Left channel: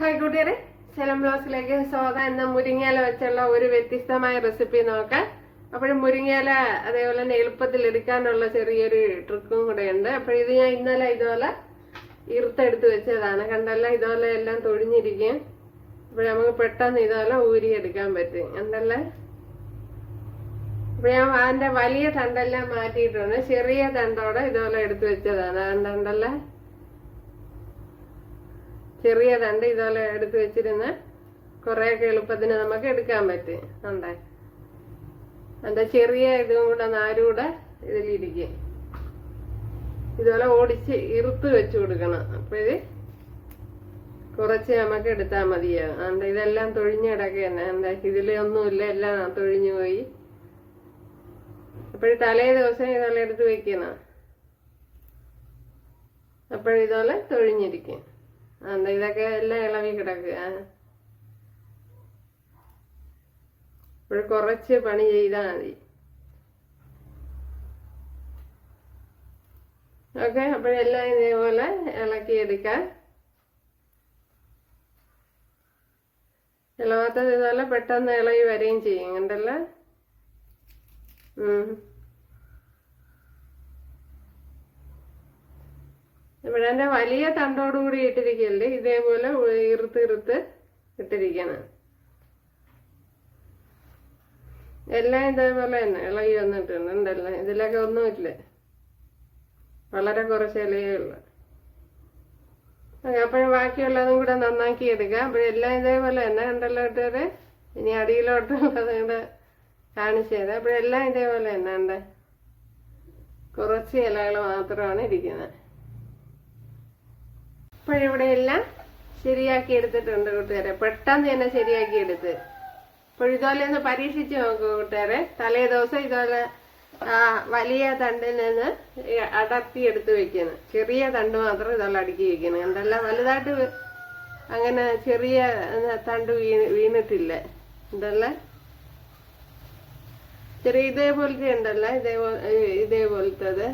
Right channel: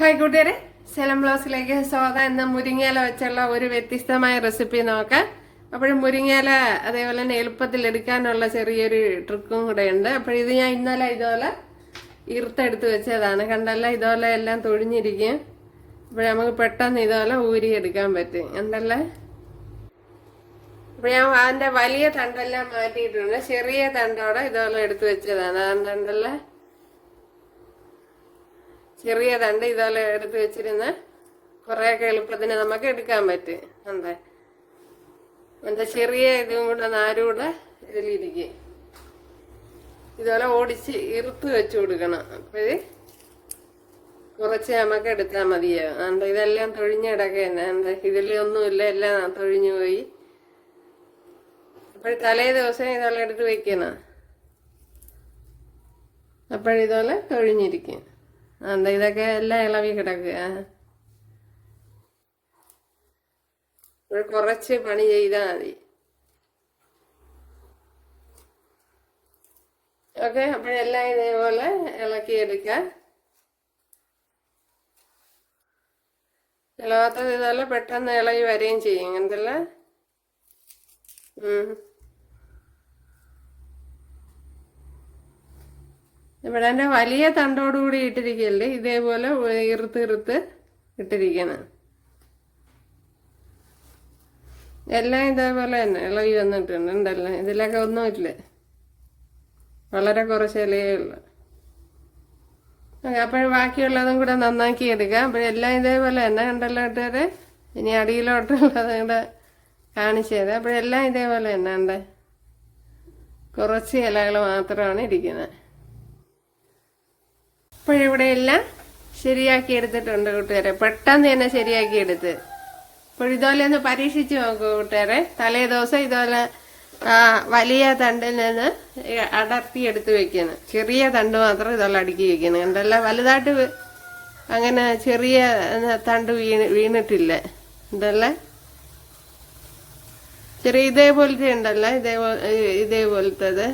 Hi കൂട്ടുകാരെ. സെലം ബ്ലൗസിലേക്ക് സ്വാഗതം. എന്ന മുരിങ്ങയില വെച്ചുള്ള ഒരു വ്യത്യസ്തമായ റെസിപ്പി നോക്കാം. അപ്പോൾ മുരിങ്ങയില അതേപോലെ തന്നെ എളുപ്പത്തിൽ എടുക്കാനുള്ള ചെറിയൊരു ട്രിക്കും കൂടെ ഉണ്ട്. അപ്പോൾ ഇത് ഞാൻ ഇന്നലെ ഇതുപോലെ ഇറുത്തെടുത്ത് വെച്ചതാണ്. കണ്ടല്ല? ഇതുപോലെ എല്ലാം തൊഴിഞ്ഞിരിക്കും. അപ്പോൾ നമുക്ക് പെട്ടെന്ന് ഇതുപോലെ ഊരിയെടുക്കാൻ പറ്റും. കണ്ടല്ലേ? അപ്പോൾ ഞാൻ അതിന്റെ വലിയ തണ്ടെല്ലാം മാറ്റിയിട്ടുണ്ട്. ചെറിയ തണ്ടോടെ ഇതുപോലെ എടുത്ത് വെച്ചതാണ്. അതുകൊണ്ടല്ലേ ചെറിയ തണ്ട് ഇതുപോലെ എടുത്ത് വെച്ചിരുന്ന് കുറേയൊക്കെ എളുപ്പത്തിന് നമുക്ക് എടുക്കാൻ പറ്റും. എന്താ? എന്താ ചെറിയ ഇതും കൂടെ നാരൂടെ ഇതിലിരിക്കും. ഇതുപോലെ ഓടിച്ച് ഇറുത്ത് വെച്ച് കൊടുക്കണം. അപ്പോഴ് കുറച്ച് നമുക്ക് എടുത്താൽ മതിയാവും. എന്താ ഇതെല്ലാം തൊഴിഞ്ഞ് എന്താ ഇതിലൊന്നുമില്ല എല്ലാം തൊഴിഞ്ഞു പോയി. അപ്പോൾ തലേ ദിവസം ഇതുപോലെ എടുത്ത് വെക്കണം. അപ്പോഴിതുപോലെ തൊഴിഞ്ഞിരിക്കും. എന്താ ഇതൊക്കെ എല്ലാം ഇളവി കിടക്കുക. ഇപ്പോൾ കുറച്ച് പണി ചെയ്താൽ മതി. ഓക്കെ അപ്പോഴെല്ലാം ഇതേപോലെ ഇളക്കിയെടുക്കാം ഇളവാത്തത് ഇതുപോലെ പെട്ടെന്ന് ഇളകി വരികയും ചെയ്യും. എന്തല്ല ഇവിടെ എന്റെ വലിയ തണ്ടോടുകൂടി ഇട്ടിരിക്കുകയല്ലേ ഇതേപോലെ ഇറുത്ത് ഇറുത്ത് ഇട്ടിരിക്കണം. എല്ലാം ഇതേപോലെ തന്നെ ഇളകി വന്നിട്ടുണ്ട് ഉണ്ടല്ലോ. ഇതിലൊക്കെ ഒന്നുമില്ല വളരെ കുറച്ച് ഇലയേ ഉള്ളു. അപ്പോഴും ബാക്കിയുള്ളതും കൂടെ നന്നാക്കി എടുക്കാം. അപ്പോൾ എല്ലാം ഇതേപോലെ തന്നെ ഉണ്ടല്ലോ ഇട്ടത് ഇനി അടിയിലോട്ടുള്ളത് കൂടെ കാണിച്ചത് അപ്പോഴെല്ലാം ഇതേപോലെ തന്നെ ഉണ്ട്. കുറച്ച് ഇലകൾ മാത്രമാണ് ഇരിക്കുന്നത്. ഇപ്പോഴിവിടെ എല്ലാം ശരിയാക്കി എടുത്തിട്ടുണ്ട് കൂട്ടുകാരെ. പെട്ടെന്ന് തന്നെ ശരിയാക്കി എടുത്ത്. അപ്പോൾ ഇതുപോലെ ഒന്ന് പരീക്ഷിച്ച് നോക്കൂ കൂട്ടുകാരെ. തലേ ദിവസം ഇതുപോലെ വലിയ തണ്ടിൽ നിന്ന് അടർത്തി എടുത്ത് വെക്കുന്നത് ചെറിയ തണ്ട് മാത്രം ഇതുപോലെ അടുക്കി വെക്കുന്നത് കണ്ടല്ല വലുതായിട്ട് അങ്ങനെ ചെറിയ തണ്ട് വീണ് വീണിട്ടില്ല. എന്തല്ല ചെറിയ ഇതേപോലത്തെ ഉണ്ടല്ലോ ഇതേപോലെ ഇതേപോലത്തത്.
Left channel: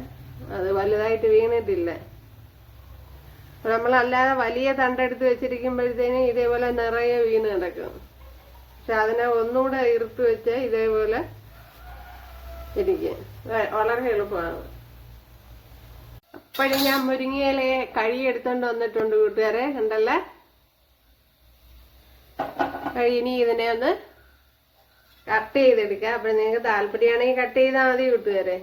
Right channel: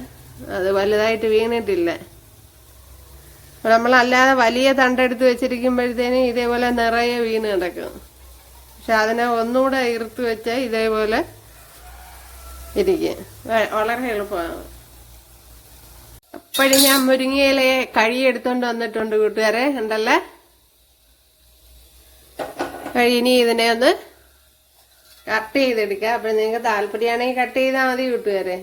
അത് വലുതായിട്ട് വീണിട്ടില്ല. നമ്മളല്ലാതെ വലിയ തണ്ടെടുത്ത് വെച്ചിരിക്കുമ്പോഴത്തേനും ഇതേപോലെ നിറയെ വീണ് കിടക്കും. പക്ഷെ അതിനെ ഒന്നുകൂടെ ഇറുത്ത് വെച്ചാൽ ഇതേപോലെ ഇരിക്കും. വളരെ എളുപ്പമാണ്. അപ്പോഴും ഞാൻ മുരിങ്ങയിലെ കഴിയെടുത്തോണ്ട് വന്നിട്ടുണ്ട് കൂട്ടുകാരെ. ഉണ്ടല്ലേ കഴിഞ്ഞി ഇതിനെ ഒന്ന് കട്ട് ചെയ്തെടുക്കുക അപ്പോൾ നിങ്ങൾക്ക് താല്പര്യമാണെങ്കിൽ കട്ട് ചെയ്താൽ മതി കൂട്ടുകാരെ.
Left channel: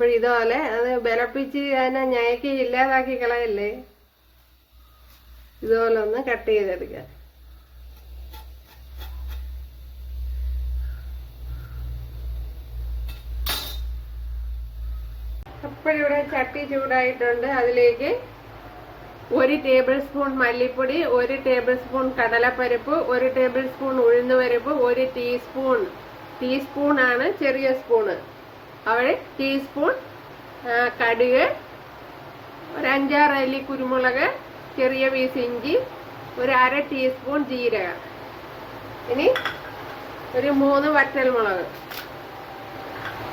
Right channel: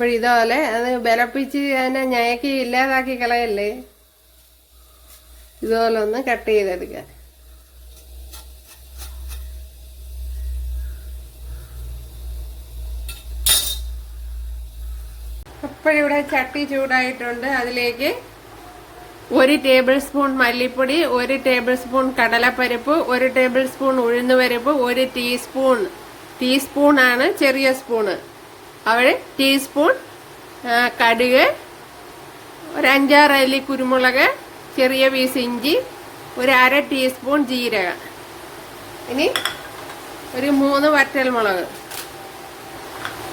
അപ്പോൾ ഇതുപോലെ അത് ബലപ്പിച്ച് അതിനെ ഞയക്കി ഇല്ലാതാക്കി കളയല്ലേ? ഇതുപോലെ ഒന്ന് കട്ട് ചെയ്തെടുക്കുക അപ്പോഴിവിടെ ചട്ടി ചൂടായിട്ടുണ്ട്. അതിലേക്ക് ഒരു ടേബിൾ സ്പൂൺ മല്ലിപ്പൊടി ഒരു ടേബിൾ സ്പൂൺ കടലപ്പരിപ്പ് ഒരു ടേബിൾ സ്പൂൺ ഉഴുന്നുപരിപ്പ് ഒരു ടീസ്പൂൺ ടീസ്പൂണാണ് ചെറിയ സ്പൂണ്. അവിടെ ടീസ്പൂൺ കടുക് ഒരു അഞ്ചാറ് അല്ലി കുരുമുളക് ചെറിയ പീസ് ഇഞ്ചി ഒരു അര ടീസ്പൂൺ ജീരകം. ഇനി ഒരു മൂന്ന് വറ്റൽ മുളക്.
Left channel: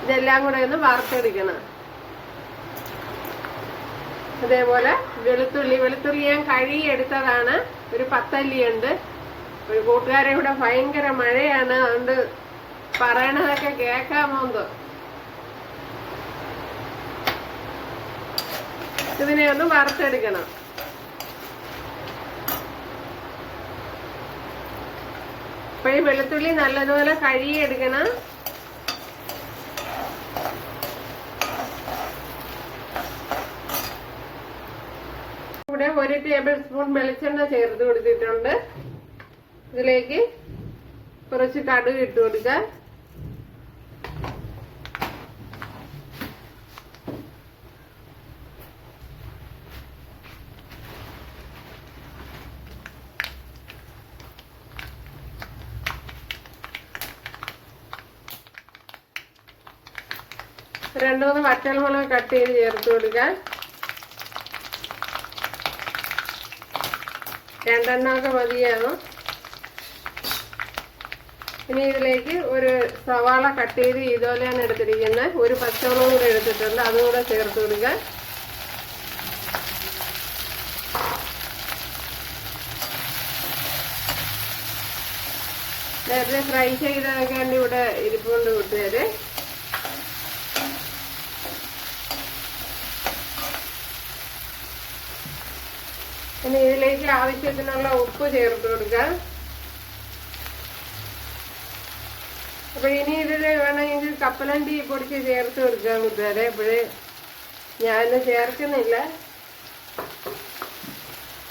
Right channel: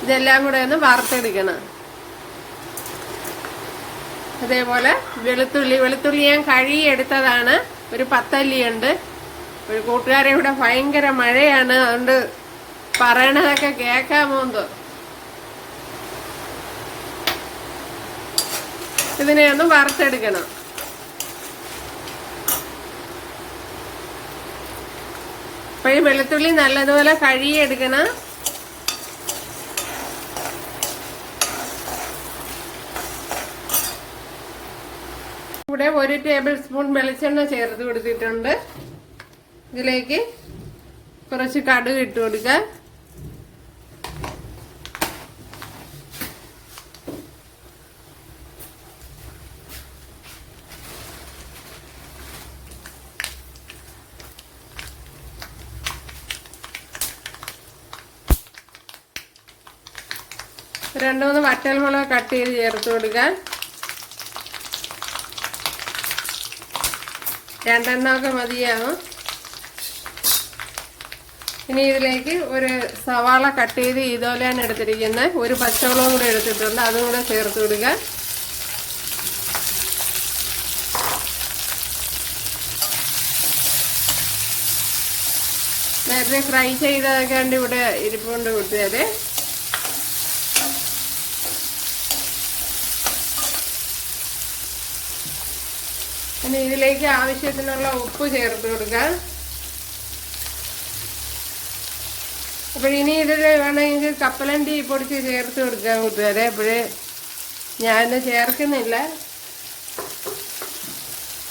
ഇതെല്ലാം കൂടെ ഒന്ന് വറുത്തെടുക്കണം. അതേപോലെ വെളുത്തുള്ളി വെളുത്തുള്ളി ഞാൻ കഴുകി എടുത്തതാണ്. ഒരു പത്തല്ലിയുണ്ട് ഒരു കൂട്ടുകാരെ ഇവിടെ ഭയങ്കര മഴയാണ്. അതുകൊണ്ട് പറയണതൊക്കെ കേൾക്കാമോ എന്തോ ഇതിനെ ഒന്ന് വറുത്തെടുക്കണം അപ്പോഴും വെളുത്തുള്ളി നല്ലതുപോലെ കഴുകിയെടുക്കണം. ഇവിടെ ഒരു ടേബിൾ സ്പൂൺ വെളിച്ചെണ്ണ ചേർത്ത് കൊടുത്തിട്ടുണ്ട്. ഇതിലേക്ക് കുറച്ച് കടുക് ഇട്ട് കൊടുക്കാം. രണ്ടു മൂന്ന് വറ്റൽമുളക് കട്ട് ചെയ്ത് ചേർത്ത് കൊടുക്കാം രണ്ടെണ്ണമൊക്കെ മതിയാകും ഇനി ഇതിലേക്ക് ഒരു സവാള കട്ട് ചെയ്ത് ഇതുപോലെയാണ് എടുത്തിരിക്കുന്നത്. ഒരു പച്ചമുളകും കൂടെ എടുത്തിട്ടുണ്ട്. അതും കൂടെ ചേർത്ത് കൊടുക്കുക. നേരത്തെ ഫ്രൈ ചെയ്തതൊക്കെ ഇവിടെ ഇരിപ്പുകൊണ്ട് കൂട്ടുകാര്. ഇനി ഇതിലേക്ക് ആവശ്യത്തിനുള്ള ഉപ്പ് ചേർത്ത് കൊടുക്കാം. അപ്പൊ ഇനി ഇതിൽ വേണമെങ്കിൽ കപ്പലണ്ടി പൊടിച്ച് ചേർത്ത് കൊടുക്കാം കൂട്ടുകാരെ അപ്പോഴേ ഞാൻ ചേർക്കുന്നില്ല.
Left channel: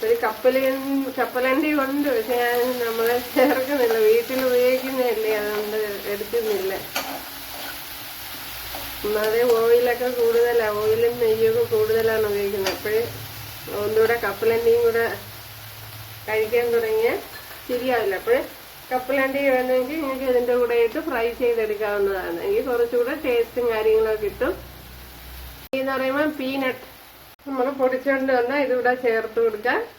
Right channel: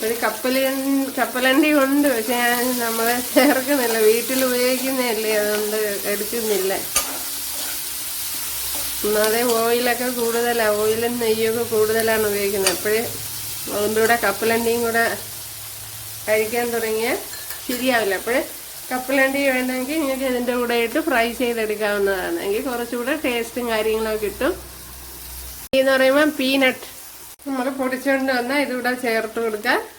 ഒരു കപ്പല കപ്പലണ്ടി ഉണ്ട് പക്ഷെ ഞാൻ നമ്മളെ ചേർക്കുന്നില്ല. വീട്ടിൽ ഉപയോഗിക്കുന്നതല്ലേ അതുകൊണ്ട് എടുക്കുന്നില്ല. ഒന്നാതെ ഓയിലൊക്കെ കൂടുതലാണ് ഓയിലും നെയ്യൊക്കെ കൂടുതലാണ് ഉപയോഗിക്കുന്നത്. അപ്പോഴേ ഒന്നുകൂടെ കപ്പലണ്ടിയും കൂടെ കഴിക്കാൻ തുടങ്ങിയാൽ ശരിയാവില്ല. അപ്പോഴേ കപ്പലണ്ടി വേണമെങ്കിൽ നിങ്ങൾക്ക് ഇതിന്റെ കൂടെ ഇട്ട് ഫ്രൈ ചെയ്തെടുക്കാവുന്നതാണ്. എങ്കിൽ കുറച്ചുകൂടെ ടേസ്റ്റും കാര്യങ്ങളൊക്കെ കിട്ടും. എന്ന് പറയുമ്പോൾ പീനട്ട്. നമ്മൾ പൊടിച്ചുകൊണ്ട് വന്നാൽ ഇതിവിടെ ചേർത്ത് കൊടുക്കാം.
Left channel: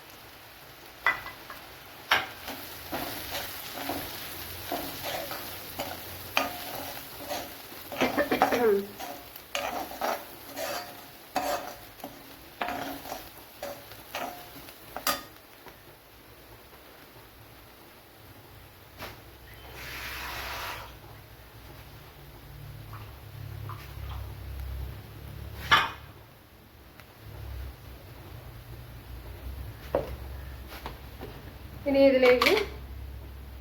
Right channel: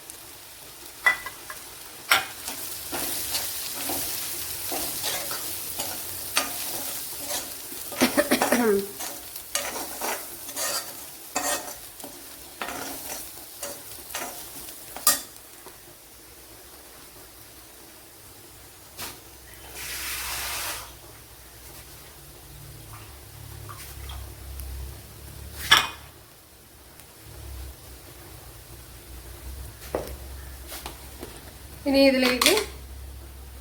ഇനി ഇതിലേക്ക്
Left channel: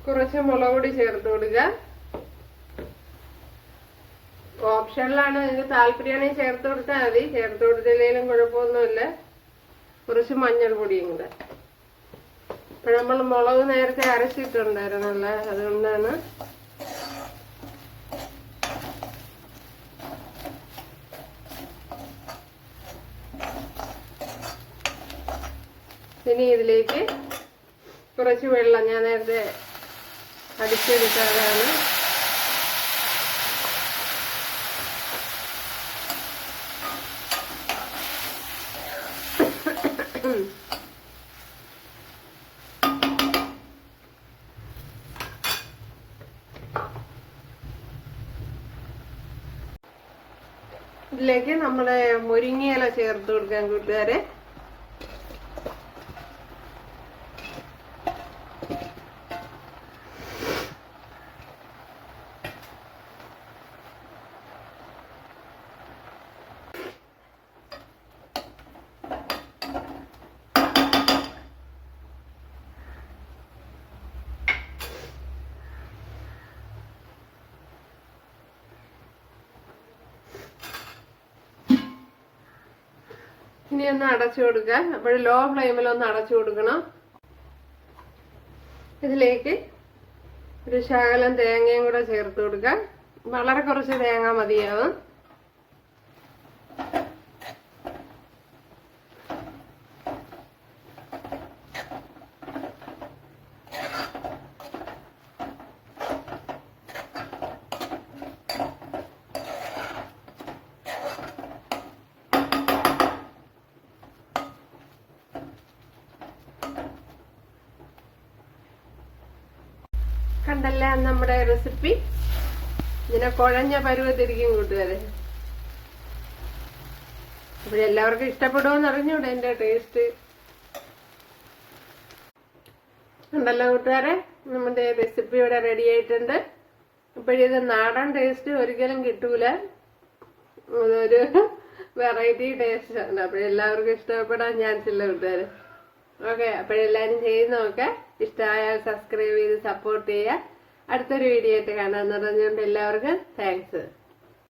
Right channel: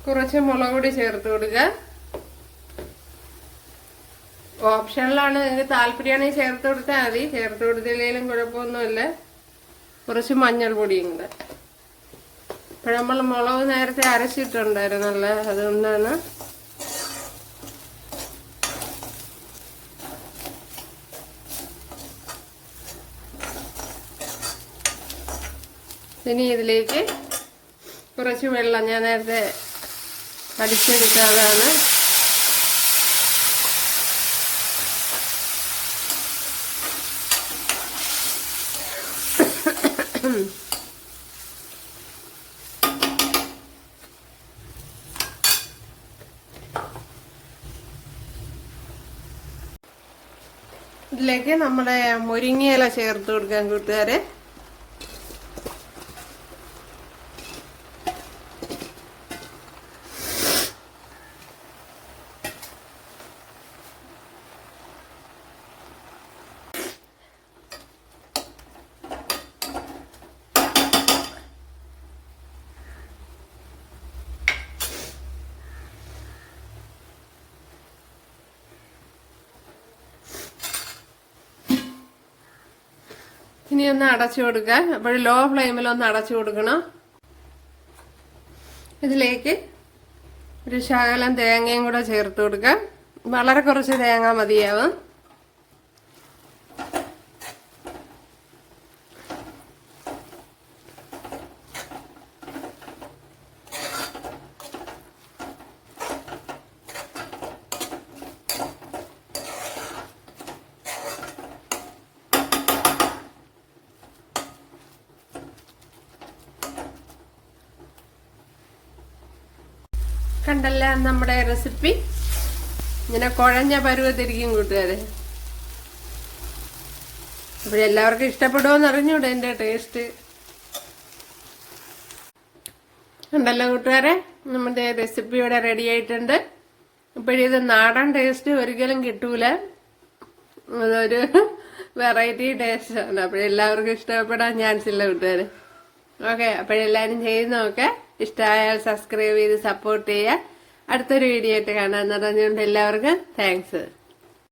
കുറച്ച് മുളക് പൊടി ചേർത്ത് കൊടുക്കുക. ഓപ്ഷനിലാണ് നിങ്ങൾക്ക് താല്പര്യമാണെങ്കിൽ ചേർത്ത് കൊടുത്താൽ മതി. ചേർത്ത് കൊടുത്തില്ലെങ്കിലും കുഴപ്പമൊന്നുമില്ല. കുറച്ച് മഞ്ഞൾപ്പൊടിയും കൂടെ. ഇപ്പൊ നമ്മൾ മുളക് നേരത്തെ അരച്ചിട്ടുണ്ടായിരുന്നല്ലേ അതുകൊണ്ടാണ്. ഇനി ഇതിലേക്ക് കുറച്ച് വെള്ളം ഞാൻ നേരത്തെ അടിച്ചെടുക്കാതാണ് ഇതിലേക്ക് നമ്മളെ മുരിങ്ങയില ചേർത്ത് കൊടുക്കാൻ കൂട്ടുകാരെ. ഇനി ഒന്ന് അടച്ചു കൊടുക്കുക അപ്പോൾ ലോ ഫ്ലെയിമിൽ ഒന്ന് അടച്ചു കൊടുക്കണം. ഇതിലേക്ക് ഒരു ശകലം തേങ്ങയും കൂടെ ചേർത്ത് കൊടുക്കാം. വളരെ കുറച്ച് തേങ്ങ മതിയാവും. കണ്ടല്ല നമ്മുടെ റെസിപ്പി ഇങ്ങനെ കുഴഞ്ഞ പരുവത്തിരിക്കും കൂട്ടുകാരെ. അപ്പോൾ എല്ലാവർക്കും ഇഷ്ടപ്പെടുമെന്ന് അറിഞ്ഞൂടെ എന്റെ ടേസ്റ്റ് ഉണ്ടല്ലോ കൂട്ടുകാരെ നമ്മുടെ റെസിപ്പി ഇവിടെ റെഡി ആയിട്ടുണ്ട്. ഇപ്പോഴിത് നാടൻ ടേസ്റ്റ് ഒരിക്കലും കിട്ടൂല. അതൊരു വെറൈറ്റി ടേസ്റ്റ് ആണ്. അപ്പോഴെല്ലാവർക്കും ഇഷ്ടപ്പെടാൻ ചാൻസ് ഇല്ല കൂട്ടുകാർ ഓക്കെ അപ്പോഴെല്ലാവരും ചെയ്യുന്നതൊക്കെ ഇഷ്ടമായാൽ സബ്സ്ക്രൈബ് ചെയ്ത് സപ്പോർട്ട് ചെയ്യുക. അടുത്തൊരു വീഡിയോ ആയിട്ട് കാണാമെന്ന് പറഞ്ഞുകൊണ്ട് എല്ലാവർക്കും താങ്ക്സ്